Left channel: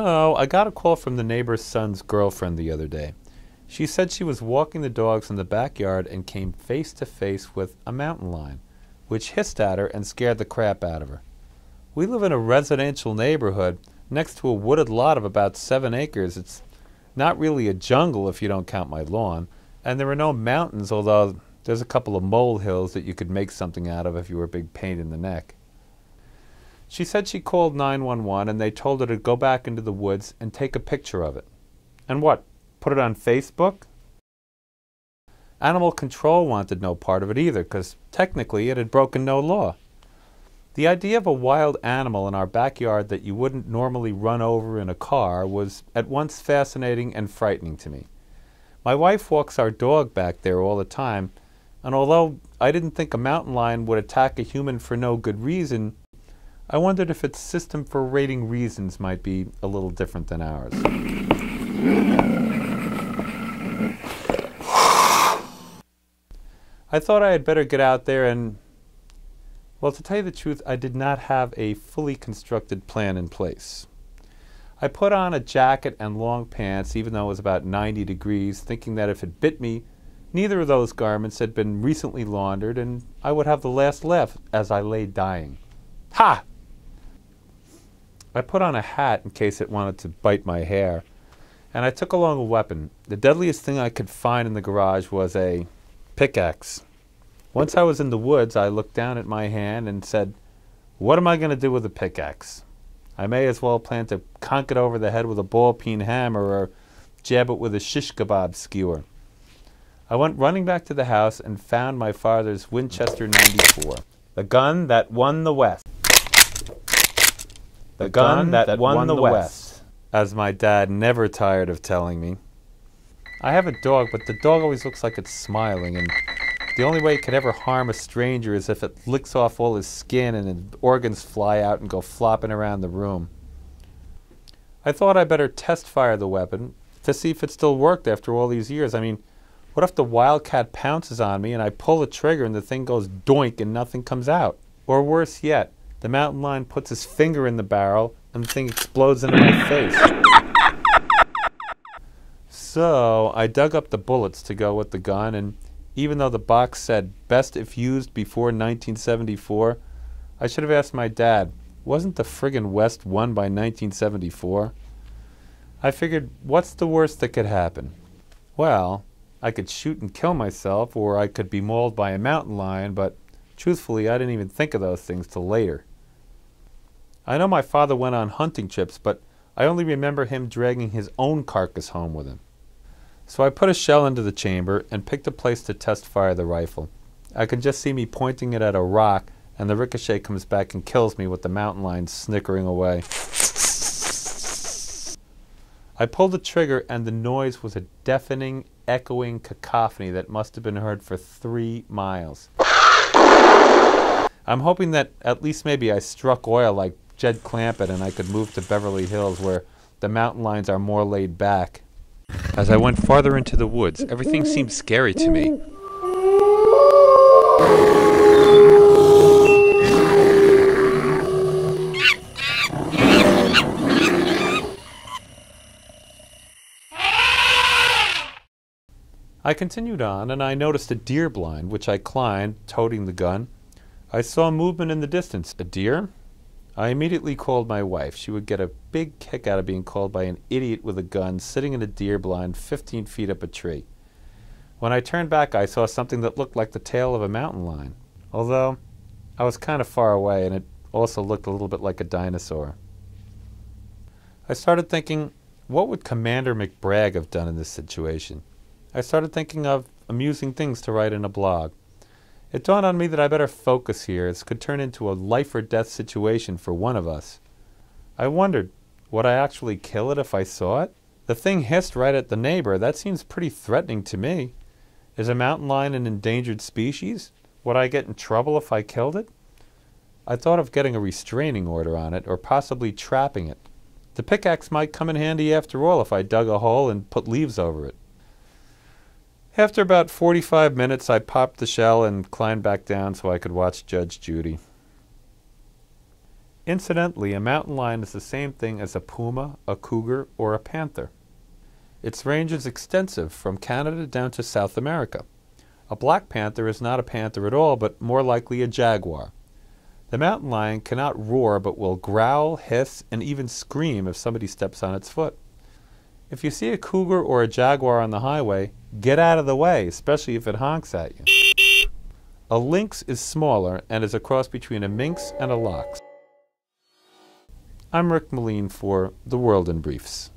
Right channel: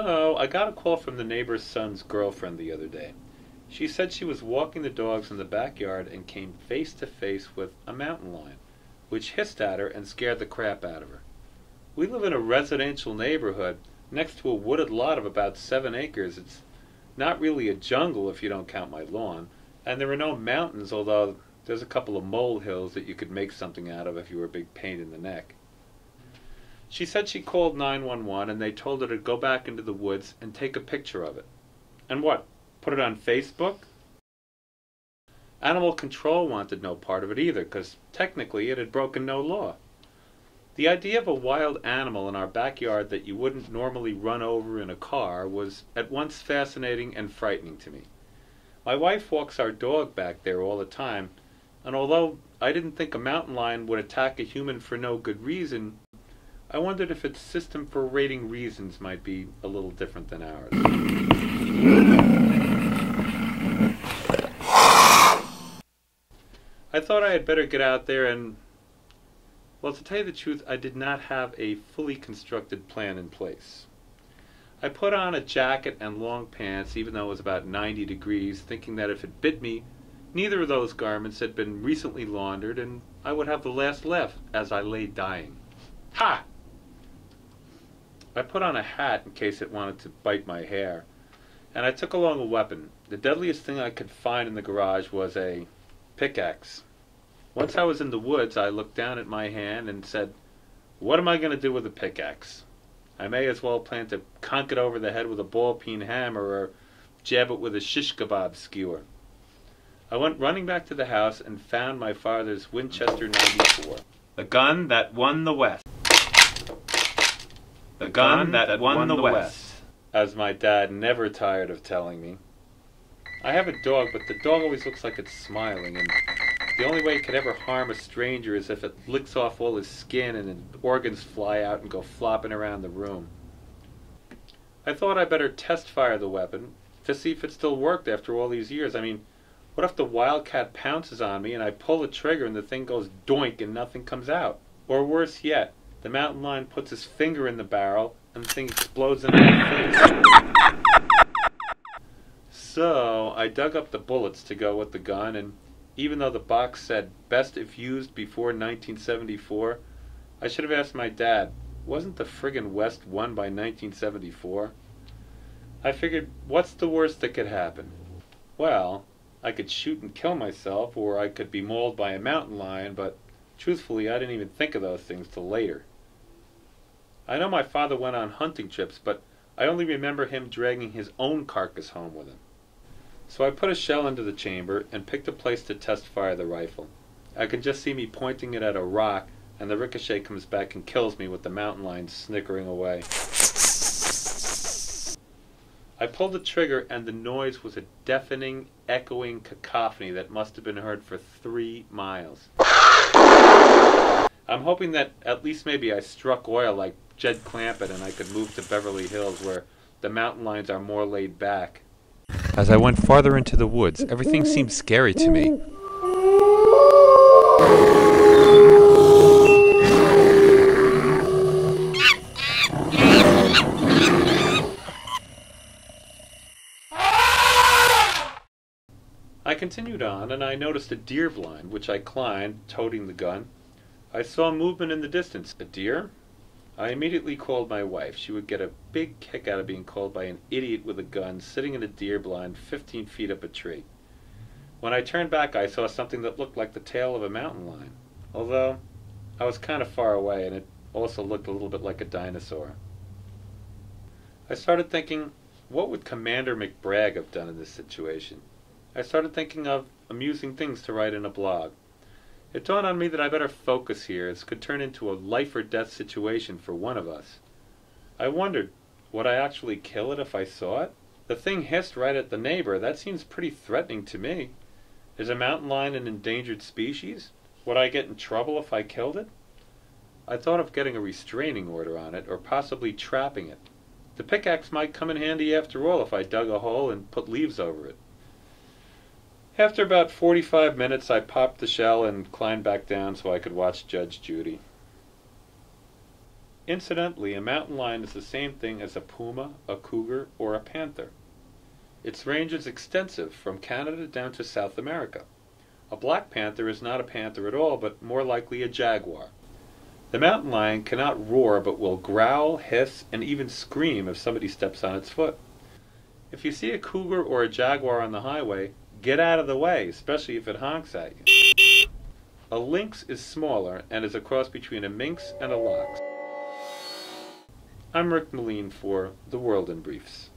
So, I got a call from the neighbor's son's girlfriend the other day. She said she was walking the dogs in the backyard and came face to face with a mountain lion, which hissed at her and scared the crap out of her. We live in a residential neighborhood next to a wooded lot of about 7 acres. It's not really a jungle if you don't count my lawn, and there are no mountains, although there's a couple of molehills that you could make something out of if you were a big pain in the neck. She said she called 911 and they told her to go back into the woods and take a picture of it. And what, put it on Facebook? Animal control wanted no part of it either, because technically it had broken no law. The idea of a wild animal in our backyard that you wouldn't normally run over in a car was at once fascinating and frightening to me. My wife walks our dog back there all the time, and although I didn't think a mountain lion would attack a human for no good reason, I wondered if its system for rating reasons might be a little different than ours. I thought I had better get out there and, well, to tell you the truth, I did not have a fully constructed plan in place. I put on a jacket and long pants, even though it was about 90 degrees, thinking that if it bit me, neither of those garments had been recently laundered, and I would have the last laugh as I lay dying. Ha! I put on a hat in case it wanted to bite my hair, and I took along a weapon. The deadliest thing I could find in the garage was a pickaxe. Once I was in the woods, I looked down at my hand and said, "What am I going to do with a pickaxe? I may as well plan to conk it over the head with a ball-peen hammer or jab it with a shish kebab skewer." I went running back to the house and found my father's Winchester 94, the gun that won the West. The gun that won the West, as my dad never tired of telling me. I have a dog, but the dog always looks like it's smiling, and the only way it could ever harm a stranger is if it licks off all his skin and his organs fly out and go flopping around the room. I thought I'd better test fire the weapon to see if it still worked after all these years. I mean, what if the wildcat pounces on me and I pull the trigger and the thing goes doink and nothing comes out? Or worse yet, the mountain lion puts his finger in the barrel and the thing explodes into my face. So I dug up the bullets to go with the gun, and even though the box said best if used before 1974, I should have asked my dad, wasn't the friggin' West won by 1974? I figured, what's the worst that could happen? Well, I could shoot and kill myself, or I could be mauled by a mountain lion, but truthfully, I didn't even think of those things till later. I know my father went on hunting trips, but I only remember him dragging his own carcass home with him. So I put a shell into the chamber and picked a place to test fire the rifle. I can just see me pointing it at a rock, and the ricochet comes back and kills me with the mountain lion snickering away. I pulled the trigger, and the noise was a deafening, echoing cacophony that must have been heard for 3 miles. I'm hoping that at least maybe I struck oil like Jed Clampett and I could move to Beverly Hills where the mountain lions are more laid back. As I went farther into the woods, everything seemed scary to me. I continued on, and I noticed a deer blind, which I climbed, toting the gun. I saw movement in the distance. A deer? I immediately called my wife. She would get a big kick out of being called by an idiot with a gun sitting in a deer blind 15 feet up a tree. When I turned back, I saw something that looked like the tail of a mountain lion, although I was kind of far away, and it also looked a little bit like a dinosaur. I started thinking, what would Commander McBragg have done in this situation? I started thinking of amusing things to write in a blog. It dawned on me that I better focus here. It could turn into a life-or-death situation for one of us. I wondered, would I actually kill it if I saw it? The thing hissed right at the neighbor. That seems pretty threatening to me. Is a mountain lion an endangered species? Would I get in trouble if I killed it? I thought of getting a restraining order on it, or possibly trapping it. The pickaxe might come in handy after all if I dug a hole and put leaves over it. After about 45 minutes, I popped the shell and climbed back down so I could watch Judge Judy. Incidentally, a mountain lion is the same thing as a puma, a cougar, or a panther. Its range is extensive, from Canada down to South America. A black panther is not a panther at all, but more likely a jaguar. The mountain lion cannot roar, but will growl, hiss, and even scream if somebody steps on its foot. If you see a cougar or a jaguar on the highway, get out of the way, especially if it honks at you. A lynx is smaller and is a cross between a minx and a lox. I'm Rick Moline for The World in Briefs.